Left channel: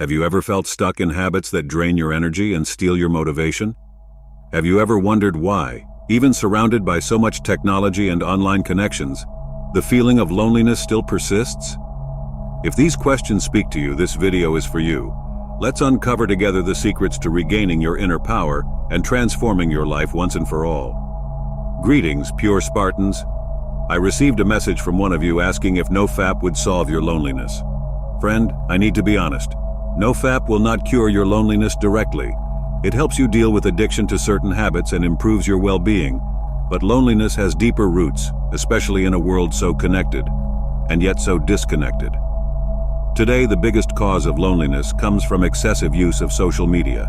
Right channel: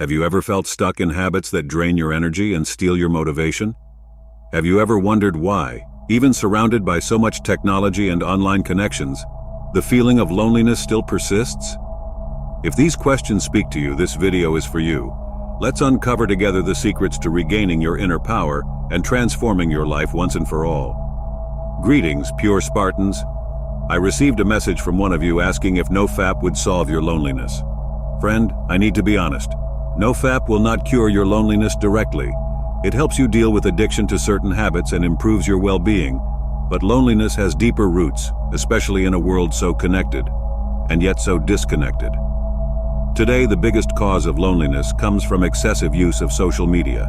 Have you ever felt stuck in habits that drain your energy and steal your motivation? Have you ever wondered why, even surrounded by so much technology and online connections, the feeling of loneliness still persists? If these questions speak to you, this video is for you. Let's uncover together the secrets to regaining your inner power and transforming your life once and for all. Greetings, pure Spartans. I received a message from one of you asking if NoFap would solve your loneliness. Friend, I need to be honest. NoFap will not cure your loneliness directly. It helps you deal with addiction to certain habits and improves your well-being. But loneliness has deeper roots, especially in a world so connected, and yet so disconnected. Today, the biggest cause of loneliness comes from excessive use of social media.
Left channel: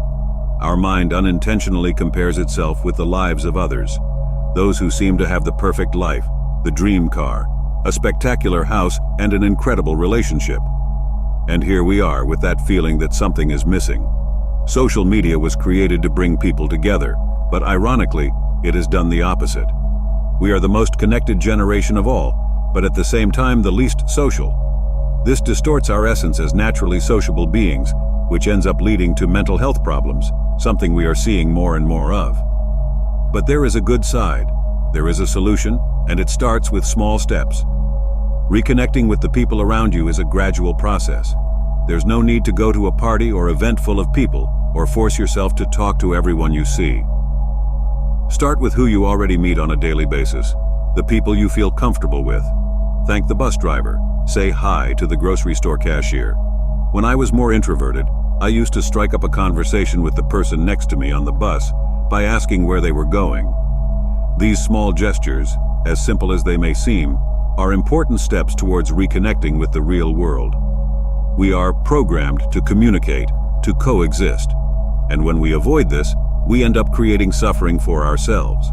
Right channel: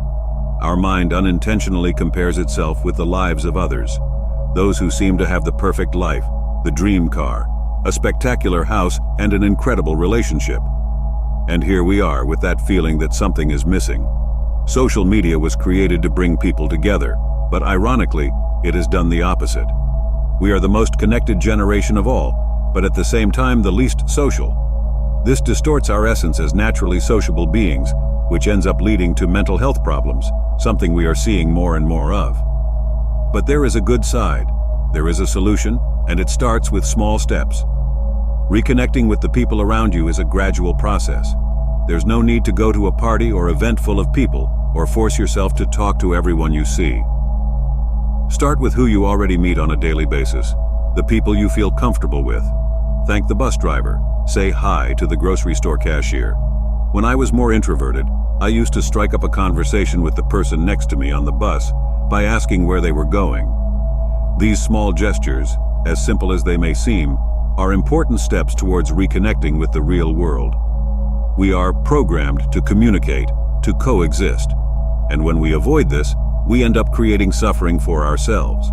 Our mind unintentionally compares itself with the lives of others, those who seem to have the perfect life, the dream car, a spectacular house, and an incredible relationship. And here we are with that feeling that something is missing. Social media was created to bring people together, but ironically, it has done the opposite. We are the most connected generation of all, but at the same time the least social. This distorts our essence as naturally sociable beings, which ends up leading to mental health problems, something we are seeing more and more of. But there is a good side. There is a solution, and it starts with small steps. Reconnecting with the people around you is a gradual process. There's no need to go to a party or event full of people, or force yourself to talk to everyone you see. Start with who you already meet on a daily basis, the people you feel comfortable with. Thank the bus driver. Say hi to the grocery store cashier. When I was more introverted, I used to strike up a conversation with the person next to me on the bus by asking where they were going. These small gestures, as simple as they may seem, are important steps towards reconnecting with the real world. We are programmed to communicate, to coexist, and when we avoid this, we end up creating suffering for ourselves.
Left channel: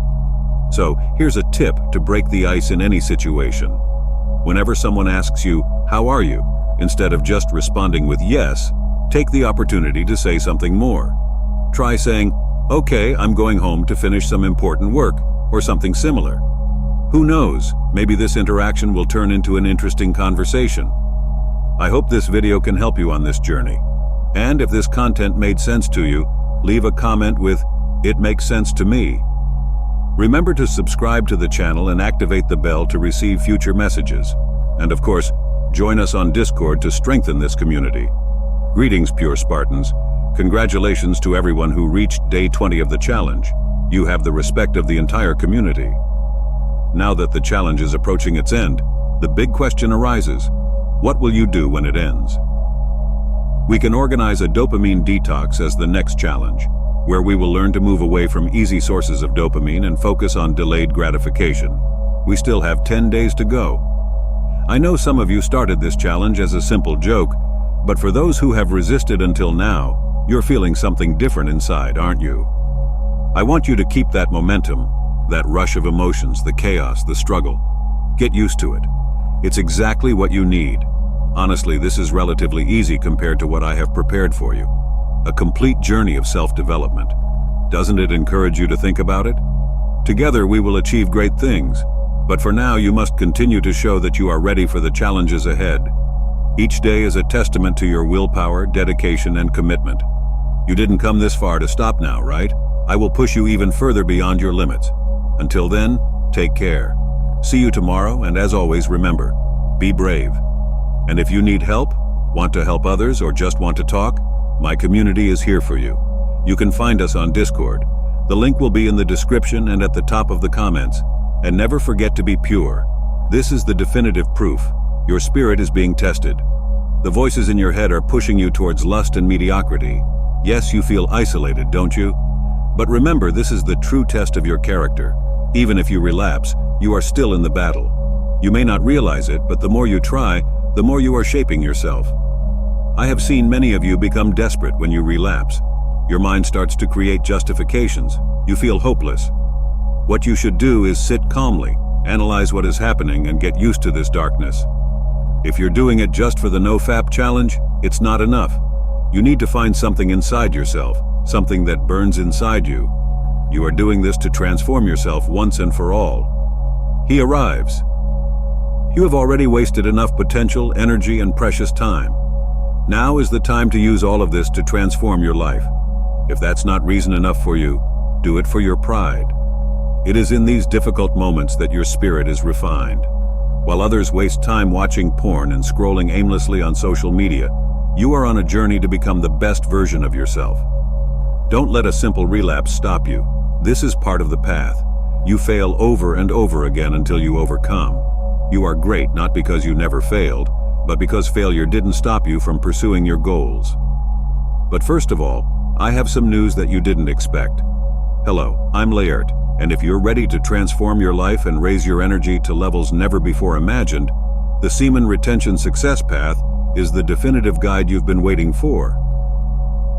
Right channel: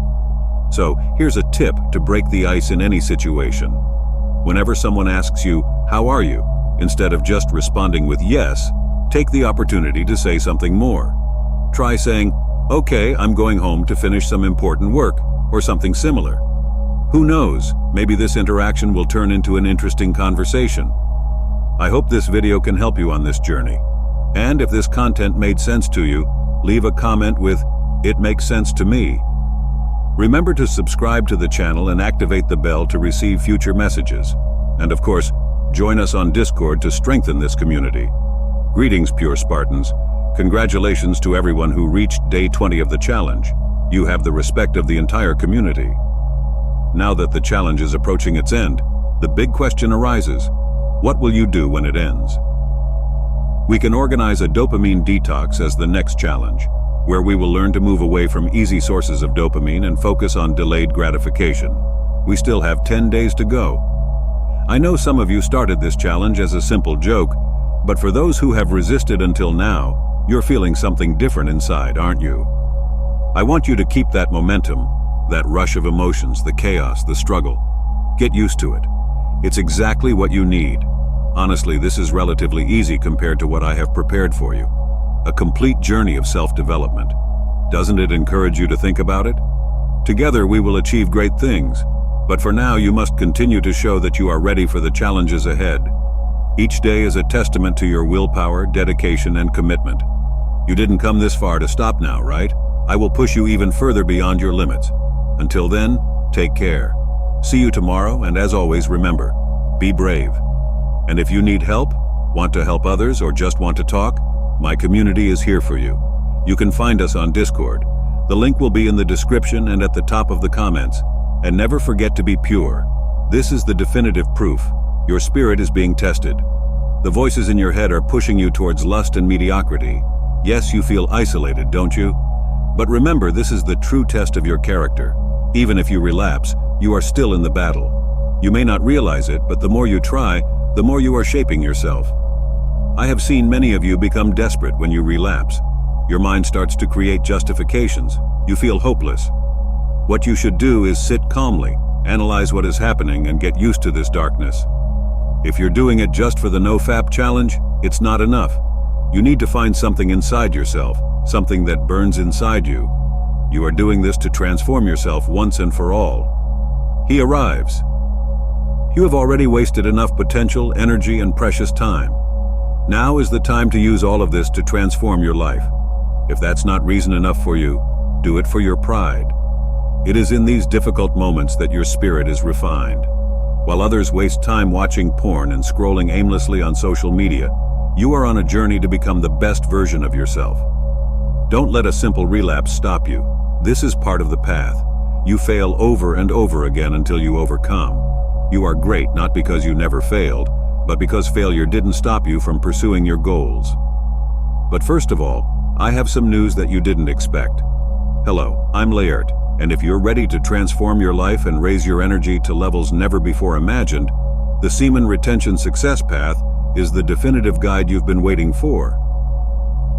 So, here's a tip to break the ice in any situation. Whenever someone asks you, "How are you?" instead of just responding with yes, take the opportunity to say something more. Try saying, "Okay, I'm going home to finish some important work," or something similar. Who knows, maybe this interaction will turn into an interesting conversation. I hope this video can help you on this journey. And if this content made sense to you, leave a comment with, "It makes sense to me." Remember to subscribe to the channel and activate the bell to receive future messages. And of course, join us on Discord to strengthen this community. Greetings, pure Spartans. Congratulations to everyone who reached day 20 of the challenge. You have the respect of the entire community. Now that the challenge is approaching its end, the big question arises: what will you do when it ends? We can organize a dopamine detox as the next challenge, where we will learn to move away from easy sources of dopamine and focus on delayed gratification. We still have 10 days to go. I know some of you started this challenge as a simple joke, but for those who have resisted until now, you're feeling something different inside, aren't you? I want you to keep that momentum, that rush of emotions, the chaos, the struggle. Get used to it. It's exactly what you need. Honestly, this is relatively easy compared to what I have prepared for you. A complete journey of self-development. Doesn't it encourage you to think about it? Together we will achieve great things, but for now you must continue to show that you are ready for the challenges ahead. Each day is a testament to your willpower, dedication, and commitment. You didn't come this far to stop now, right? I will push you even further beyond your limits. Until then, take care. See you tomorrow, and as always, remember, be brave. And if you need help, want to help others, or just want to talk, my community is here for you. You can find us on Discord. The link will be in the description and at the top of the comments. And never forget to be pure. This is the definitive proof. Your spirit is being tested. The voices in your head are pushing you towards lust and mediocrity. Yes, you feel isolated, don't you? But remember, this is the true test of your character. Even if you relapse, you are still in the battle. You may not realize it, but the more you try, the more you are shaping yourself. I have seen many of you become desperate when you relapse. Your mind starts to create justifications. You feel hopeless. What you should do is sit calmly, analyze what is happening, and get used to this darkness. If you're doing it just for the NoFap challenge, it's not enough. You need to find something inside yourself, something that burns inside you. You are doing this to transform yourself once and for all. He arrives. You have already wasted enough potential, energy, and precious time. Now is the time to use all of this to transform your life. If that's not reason enough for you, do it for your pride. It is in these difficult moments that your spirit is refined. While others waste time watching porn and scrolling aimlessly on social media, you are on a journey to become the best version of yourself. Don't let a simple relapse stop you. This is part of the path. You fail over and over again until you overcome. You are great not because you never failed, but because failure didn't stop you from pursuing your goals. But first of all, I have some news that you didn't expect. Hello, I'm Laert, and if you're ready to transform your life and raise your energy to levels never before imagined, the Semen Retention Success Path is the definitive guide you've been waiting for.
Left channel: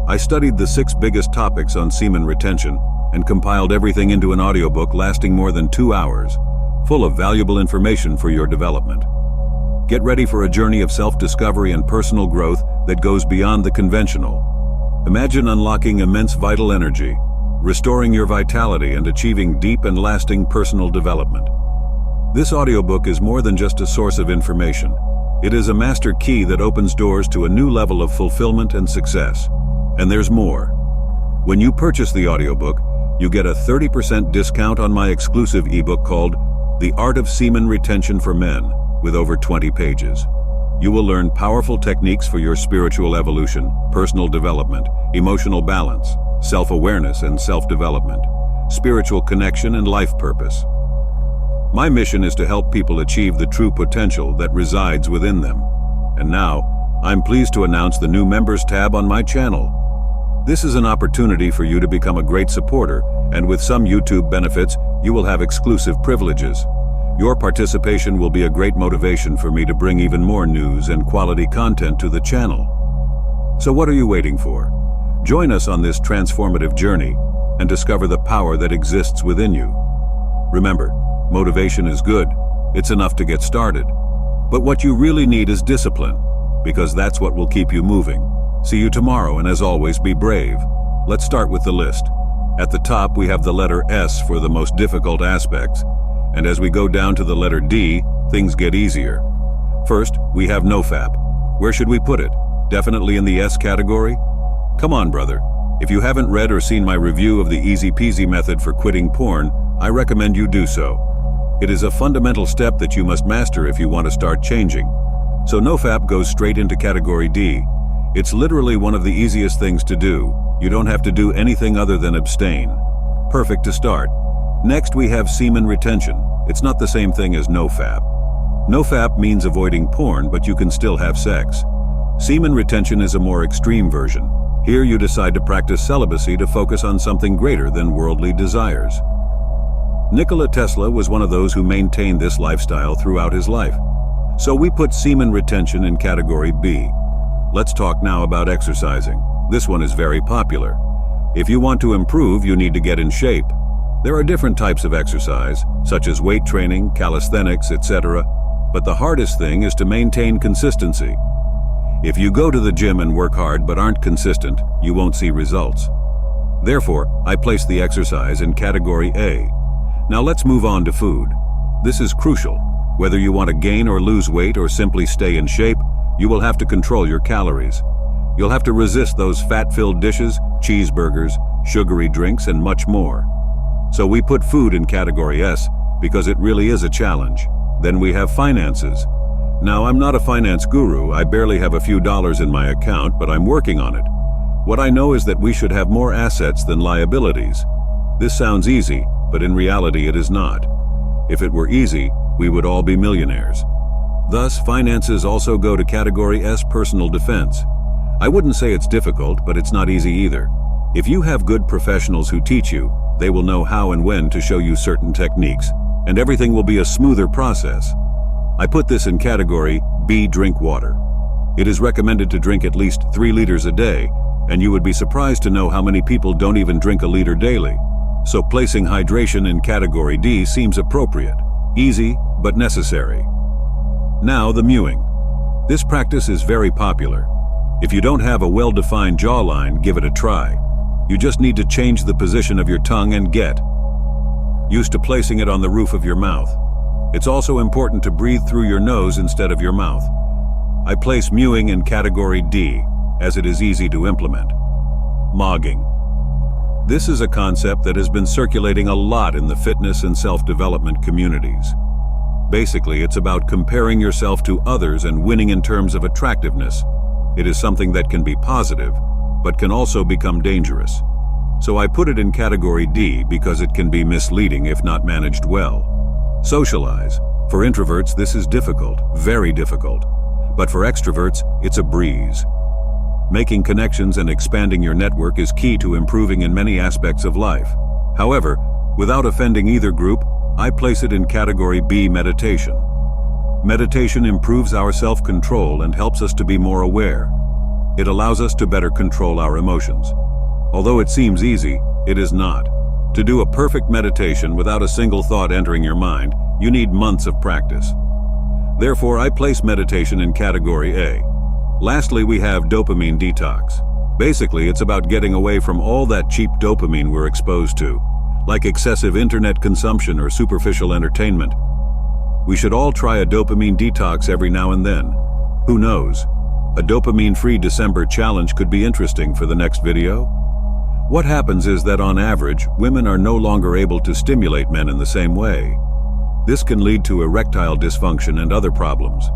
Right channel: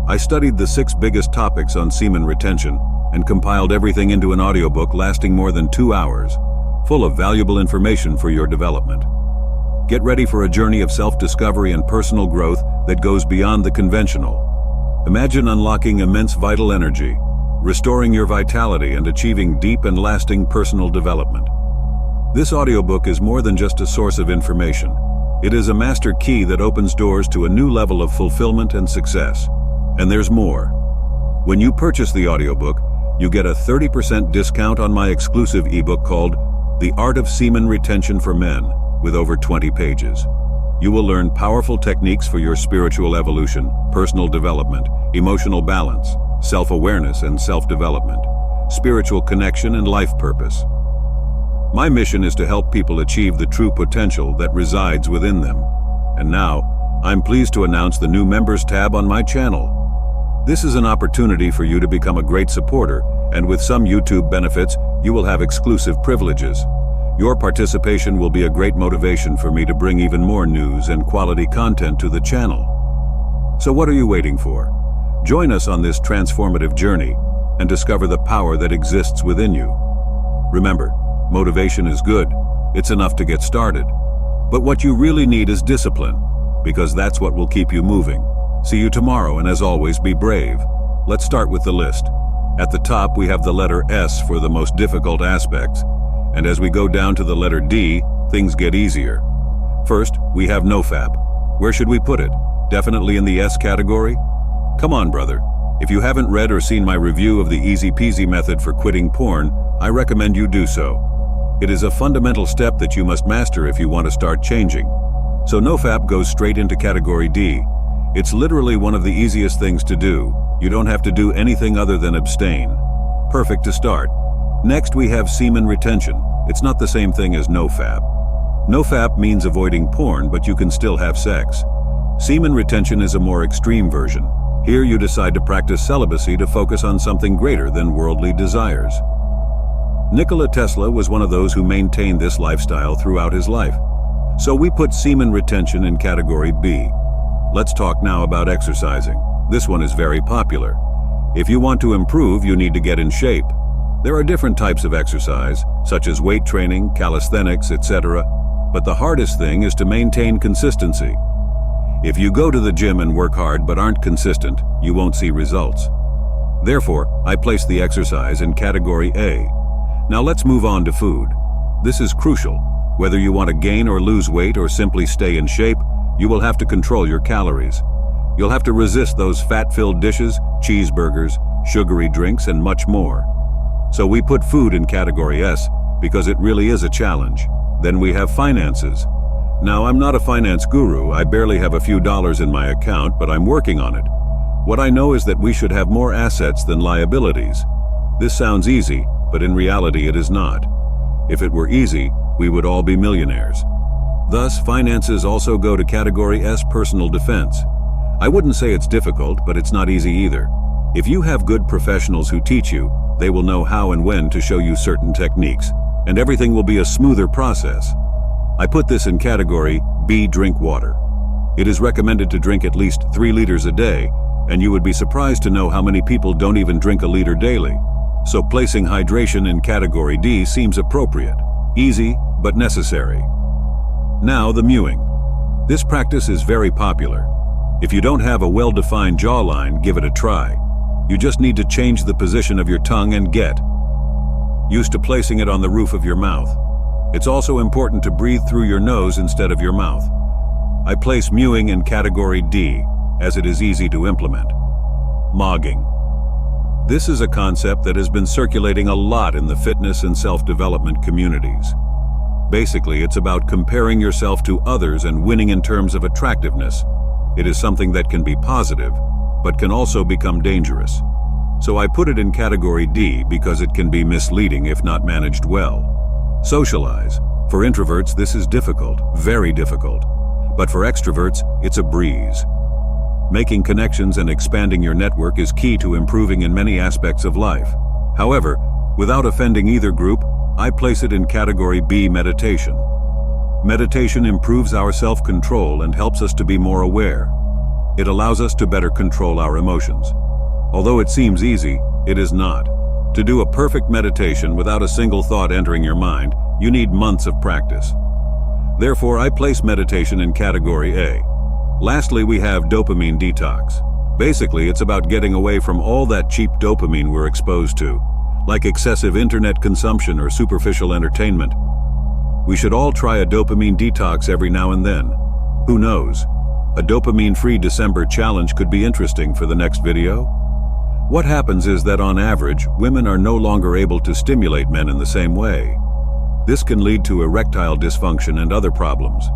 I studied the 6 biggest topics on semen retention and compiled everything into an audiobook lasting more than 2 hours, full of valuable information for your development. Get ready for a journey of self-discovery and personal growth that goes beyond the conventional. Imagine unlocking immense vital energy, restoring your vitality and achieving deep and lasting personal development. This audiobook is more than just a source of information. It is a master key that opens doors to a new level of fulfillment and success. And there's more. When you purchase the audiobook, you get a 30% discount on my exclusive ebook called The Art of Semen Retention for Men, with over 20 pages. You will learn powerful techniques for your spiritual evolution, personal development, emotional balance, self-awareness and self-development, spiritual connection and life purpose. My mission is to help people achieve the true potential that resides within them. And now, I'm pleased to announce the new Members tab on my channel. This is an opportunity for you to become a great supporter, and with some YouTube benefits, you will have exclusive privileges. Your participation will be a great motivation for me to bring even more news and quality content to the channel. So what are you waiting for? Join us on this transformative journey and discover the power that exists within you. Remember, motivation is good. It's enough to get started. But what you really need is discipline, because that's what will keep you moving. See you tomorrow, and as always, be brave. Let's start with the list. At the top, we have the letter S for the most difficult aspects. And as we go down to the letter D, things get easier. First, we have NoFap. Where should we put it? Definitely in the S category? Come on, brother. If you haven't read or seen my review of the easy peasy method for quitting porn, I recommend you do so. It is a fundamental step that you must master if you want to start changing. So NoFap goes straight into category D. It's literally one of the easiest things to do. You don't have to do anything other than abstain. Perfect to start. Next, we have semen retention. It's not the same thing as NoFap. NoFap means avoiding porn, but you can still have sex. Semen retention is a more extreme version. Here you decide to practice celibacy to focus on something greater than worldly desires. Nikola Tesla was one of those who maintained this lifestyle throughout his life. So we put semen retention in category B. Let's talk now about exercising. This one is very popular. If you want to improve, you need to get in shape. There are different types of exercise, such as weight training, calisthenics, etc. But the hardest thing is to maintain consistency. If you go to the gym and work hard but aren't consistent, you won't see results. Therefore, I place the exercise in category A. Now let's move on to food. This is crucial. Whether you want to gain or lose weight or simply stay in shape, you will have to control your calories. You'll have to resist those fat-filled dishes, cheeseburgers, sugary drinks, and much more. So we put food in category S because it really is a challenge. Then we have finances. Now, I'm not a finance guru. I barely have a few dollars in my account, but I'm working on it. What I know is that we should have more assets than liabilities. This sounds easy, but in reality it is not. If it were easy, we would all be millionaires. Thus, finances also go to category S, personal defense. I wouldn't say it's difficult, but it's not easy either. If you have good professionals who teach you, they will know how and when to show you certain techniques, and everything will be a smoother process. I put this in category B, drink water. It is recommended to drink at least 3 liters a day, and you would be surprised to know how many people don't even drink a liter daily. So placing hydration in category D seems appropriate, easy, but necessary. Now the mewing. This practice is very popular. If you don't have a well-defined jawline, give it a try. You just need to change the position of your tongue and get used to placing it on the roof of your mouth. It's also important to breathe through your nose instead of your mouth. I place mewing in category D. as it is easy to implement. Mogging. This is a concept that has been circulating a lot in the fitness and self-development communities. Basically, it's about comparing yourself to others and winning in terms of attractiveness. It is something that can be positive, but can also become dangerous. So I put it in category D because it can be misleading if not managed well. Socialize. For introverts, this is difficult, very difficult. But for extroverts, it's a breeze. Making connections and expanding your network is key to improving in many aspects of life. However, without offending either group, I place it in category B, meditation. Meditation improves our self-control and helps us to be more aware. It allows us to better control our emotions. Although it seems easy, it is not. To do a perfect meditation without a single thought entering your mind, you need months of practice. Therefore, I place meditation in category A. Lastly, we have dopamine detox. Basically, it's about getting away from all that cheap dopamine we're exposed to, like excessive internet consumption or superficial entertainment. We should all try a dopamine detox every now and then. Who knows? A dopamine-free December challenge could be interesting for the next video. What happens is that on average, women are no longer able to stimulate men in the same way. This can lead to erectile dysfunction and other problems.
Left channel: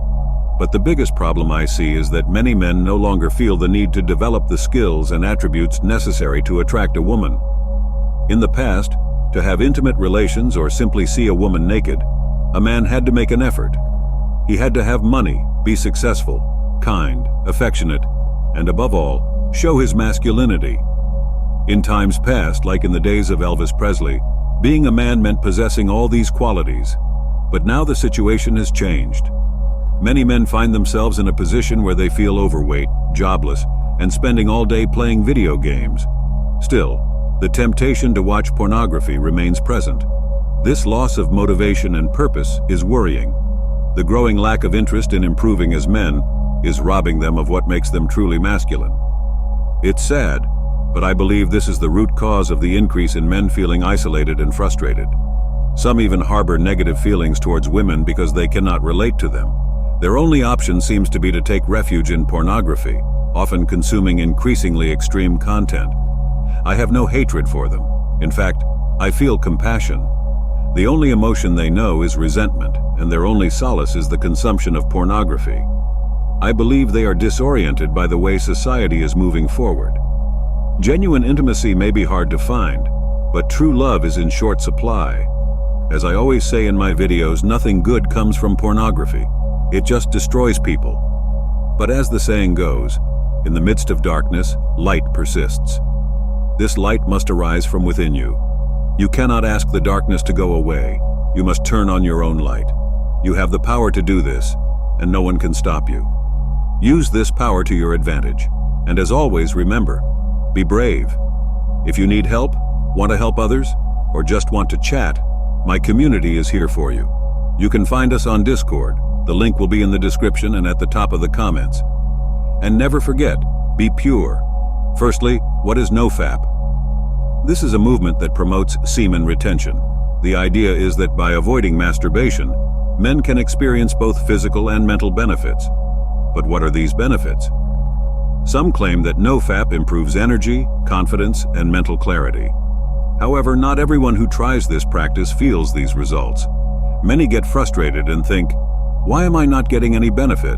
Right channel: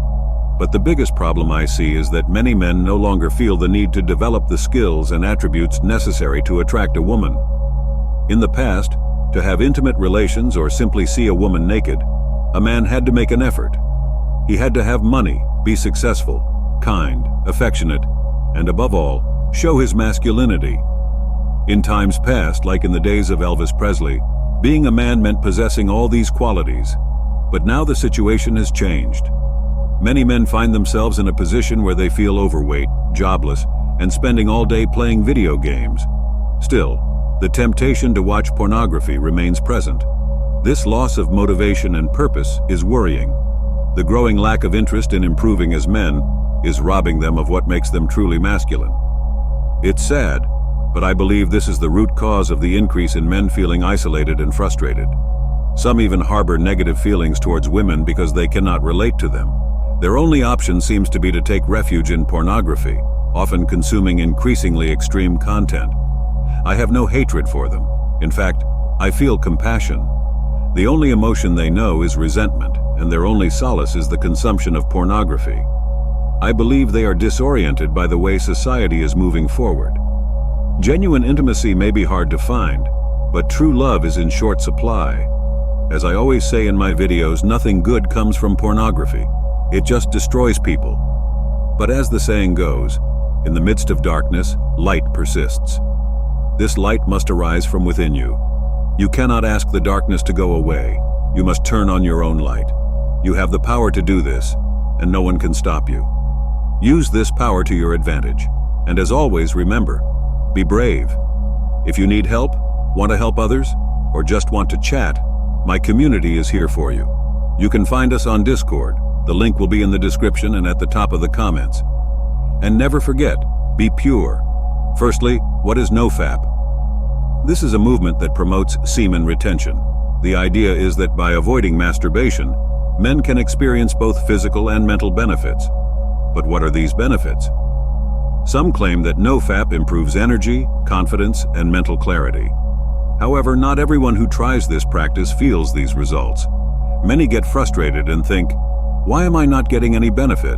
But the biggest problem I see is that many men no longer feel the need to develop the skills and attributes necessary to attract a woman. In the past, to have intimate relations or simply see a woman naked, a man had to make an effort. He had to have money, be successful, kind, affectionate, and above all, show his masculinity. In times past, like in the days of Elvis Presley, being a man meant possessing all these qualities. But now the situation has changed. Many men find themselves in a position where they feel overweight, jobless, and spending all day playing video games. Still, the temptation to watch pornography remains present. This loss of motivation and purpose is worrying. The growing lack of interest in improving as men is robbing them of what makes them truly masculine. It's sad, but I believe this is the root cause of the increase in men feeling isolated and frustrated. Some even harbor negative feelings towards women because they cannot relate to them. Their only option seems to be to take refuge in pornography, often consuming increasingly extreme content. I have no hatred for them. In fact, I feel compassion. The only emotion they know is resentment, and their only solace is the consumption of pornography. I believe they are disoriented by the way society is moving forward. Genuine intimacy may be hard to find, but true love is in short supply. As I always say in my videos, nothing good comes from pornography. It just destroys people. But as the saying goes, in the midst of darkness, light persists. This light must arise from within you. You cannot ask the darkness to go away. You must turn on your own light. You have the power to do this, and no one can stop you. Use this power to your advantage. And as always, remember, be brave. If you need help, want to help others, or just want to chat, my community is here for you. You can find us on Discord. The link will be in the description and at the top of the comments. And never forget, be pure. Firstly, what is NoFap? This is a movement that promotes semen retention. The idea is that by avoiding masturbation, men can experience both physical and mental benefits. But what are these benefits? Some claim that NoFap improves energy, confidence, and mental clarity. However, not everyone who tries this practice feels these results. Many get frustrated and think, why am I not getting any benefit?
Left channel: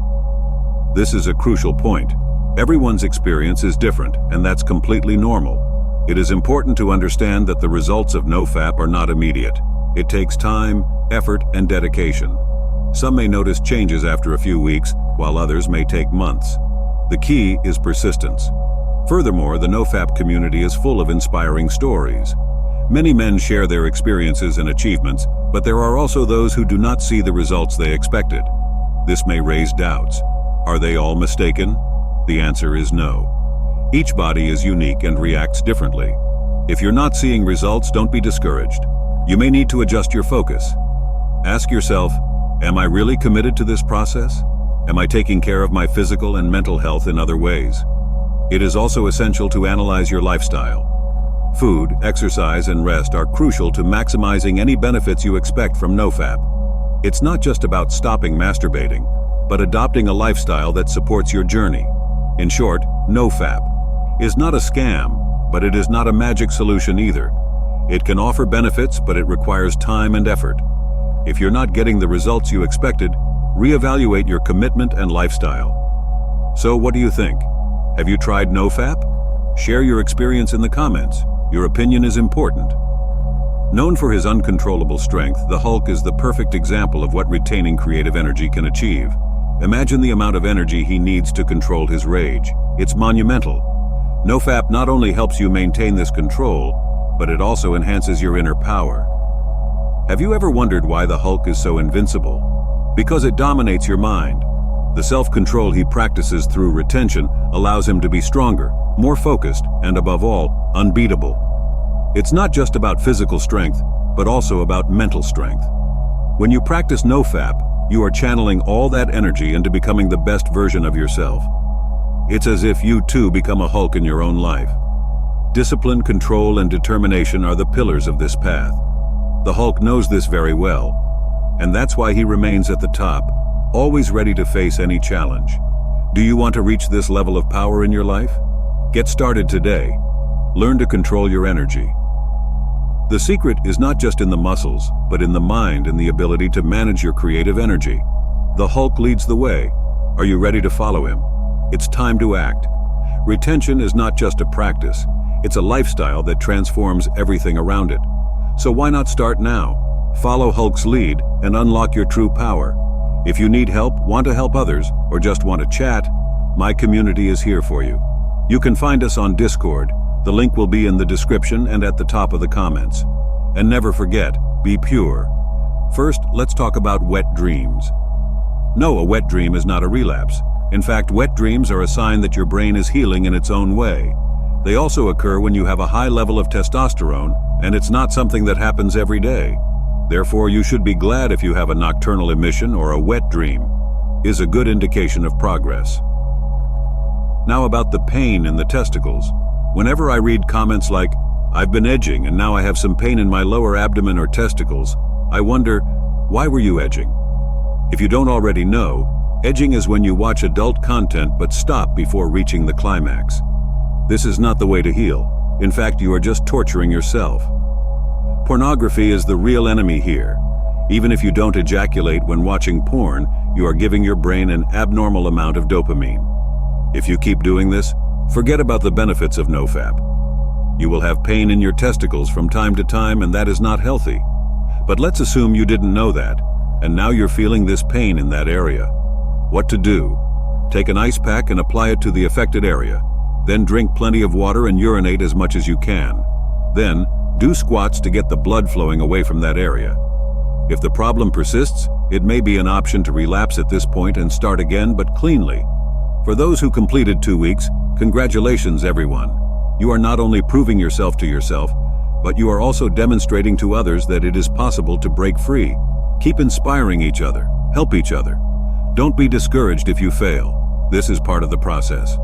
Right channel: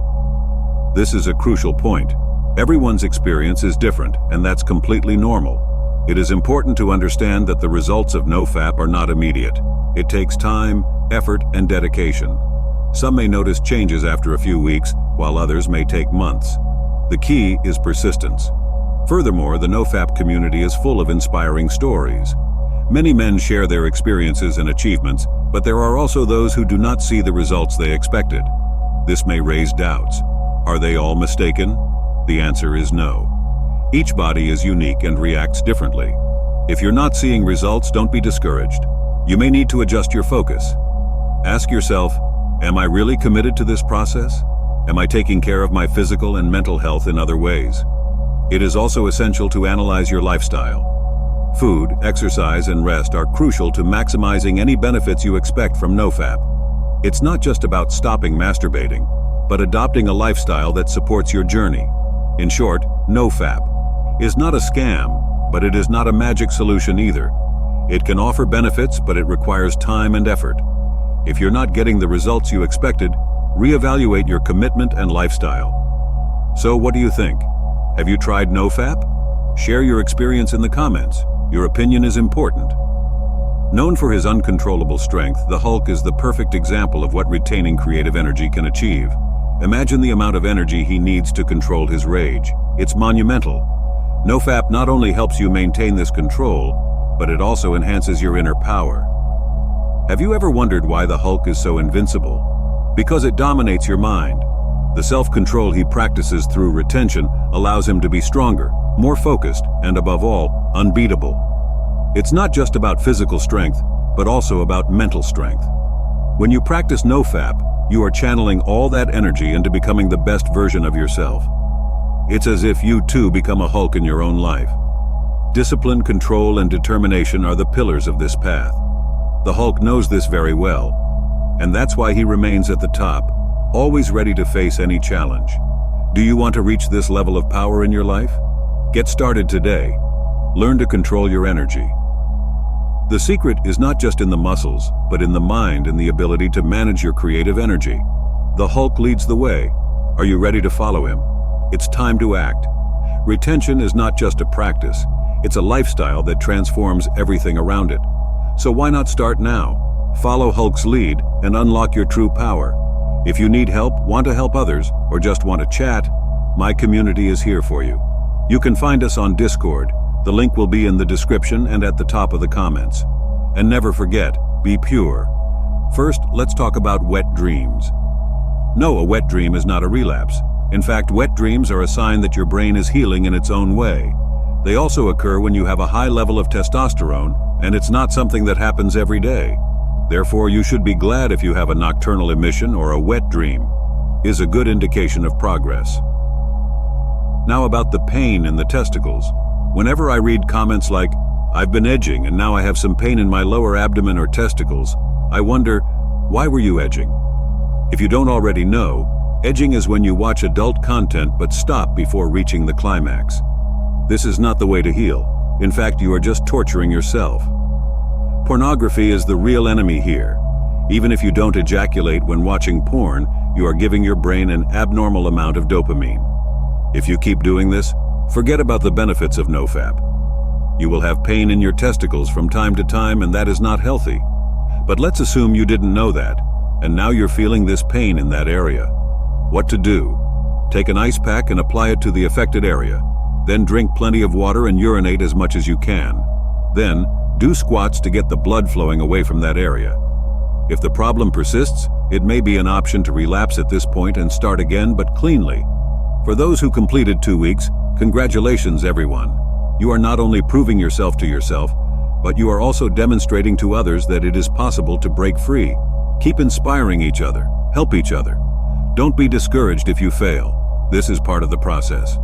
This is a crucial point. Everyone's experience is different, and that's completely normal. It is important to understand that the results of NoFap are not immediate. It takes time, effort, and dedication. Some may notice changes after a few weeks, while others may take months. The key is persistence. Furthermore, the NoFap community is full of inspiring stories. Many men share their experiences and achievements, but there are also those who do not see the results they expected. This may raise doubts. Are they all mistaken? The answer is no. Each body is unique and reacts differently. If you're not seeing results, don't be discouraged. You may need to adjust your focus. Ask yourself, am I really committed to this process? Am I taking care of my physical and mental health in other ways? It is also essential to analyze your lifestyle. Food, exercise, and rest are crucial to maximizing any benefits you expect from NoFap. It's not just about stopping masturbating, but adopting a lifestyle that supports your journey. In short, NoFap, is not a scam, but it is not a magic solution either. It can offer benefits, but it requires time and effort. If you're not getting the results you expected, reevaluate your commitment and lifestyle. So what do you think? Have you tried NoFap? Share your experience in the comments. Your opinion is important. Known for his uncontrollable strength, the Hulk is the perfect example of what retaining creative energy can achieve. Imagine the amount of energy he needs to control his rage. It's monumental. NoFap not only helps you maintain this control, but it also enhances your inner power. Have you ever wondered why the Hulk is so invincible? Because it dominates your mind. The self-control he practices through retention allows him to be stronger, more focused, and above all, unbeatable. It's not just about physical strength, but also about mental strength. When you practice NoFap, you are channeling all that energy into becoming the best version of yourself. It's as if you too become a Hulk in your own life. Discipline, control, and determination are the pillars of this path. The Hulk knows this very well, and that's why he remains at the top, always ready to face any challenge. Do you want to reach this level of power in your life? Get started today. Learn to control your energy. The secret is not just in the muscles, but in the mind and the ability to manage your creative energy. The Hulk leads the way. Are you ready to follow him? It's time to act. Retention is not just a practice. It's a lifestyle that transforms everything around it. So why not start now? Follow Hulk's lead and unlock your true power. If you need help, want to help others, or just want to chat, my community is here for you. You can find us on Discord. The link will be in the description and at the top of the comments. And never forget, be pure. First, let's talk about wet dreams. No, a wet dream is not a relapse. In fact, wet dreams are a sign that your brain is healing in its own way. They also occur when you have a high level of testosterone, and it's not something that happens every day. Therefore, you should be glad if you have a nocturnal emission or a wet dream. Is a good indication of progress. Now about the pain in the testicles. Whenever I read comments like, "I've been edging and now I have some pain in my lower abdomen or testicles," I wonder, why were you edging? If you don't already know, edging is when you watch adult content but stop before reaching the climax. This is not the way to heal. In fact, you are just torturing yourself. Pornography is the real enemy here. Even if you don't ejaculate when watching porn, you are giving your brain an abnormal amount of dopamine. If you keep doing this, forget about the benefits of NoFap. You will have pain in your testicles from time to time, and that is not healthy. But let's assume you didn't know that, and now you're feeling this pain in that area. What to do? Take an ice pack and apply it to the affected area. Then drink plenty of water and urinate as much as you can. Then, do squats to get the blood flowing away from that area. If the problem persists, it may be an option to relapse at this point and start again, but cleanly. For those who completed 2 weeks, congratulations everyone. You are not only proving yourself to yourself, but you are also demonstrating to others that it is possible to break free. Keep inspiring each other. Help each other. Don't be discouraged if you fail. This is part of the process.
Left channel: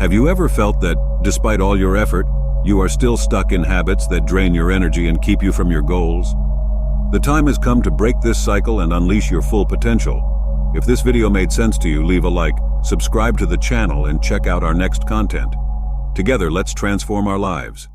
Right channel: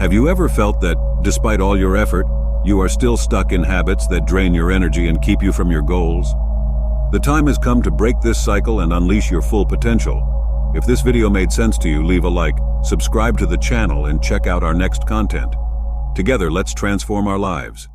Have you ever felt that, despite all your effort, you are still stuck in habits that drain your energy and keep you from your goals? The time has come to break this cycle and unleash your full potential. If this video made sense to you, leave a like, subscribe to the channel, and check out our next content. Together, let's transform our lives.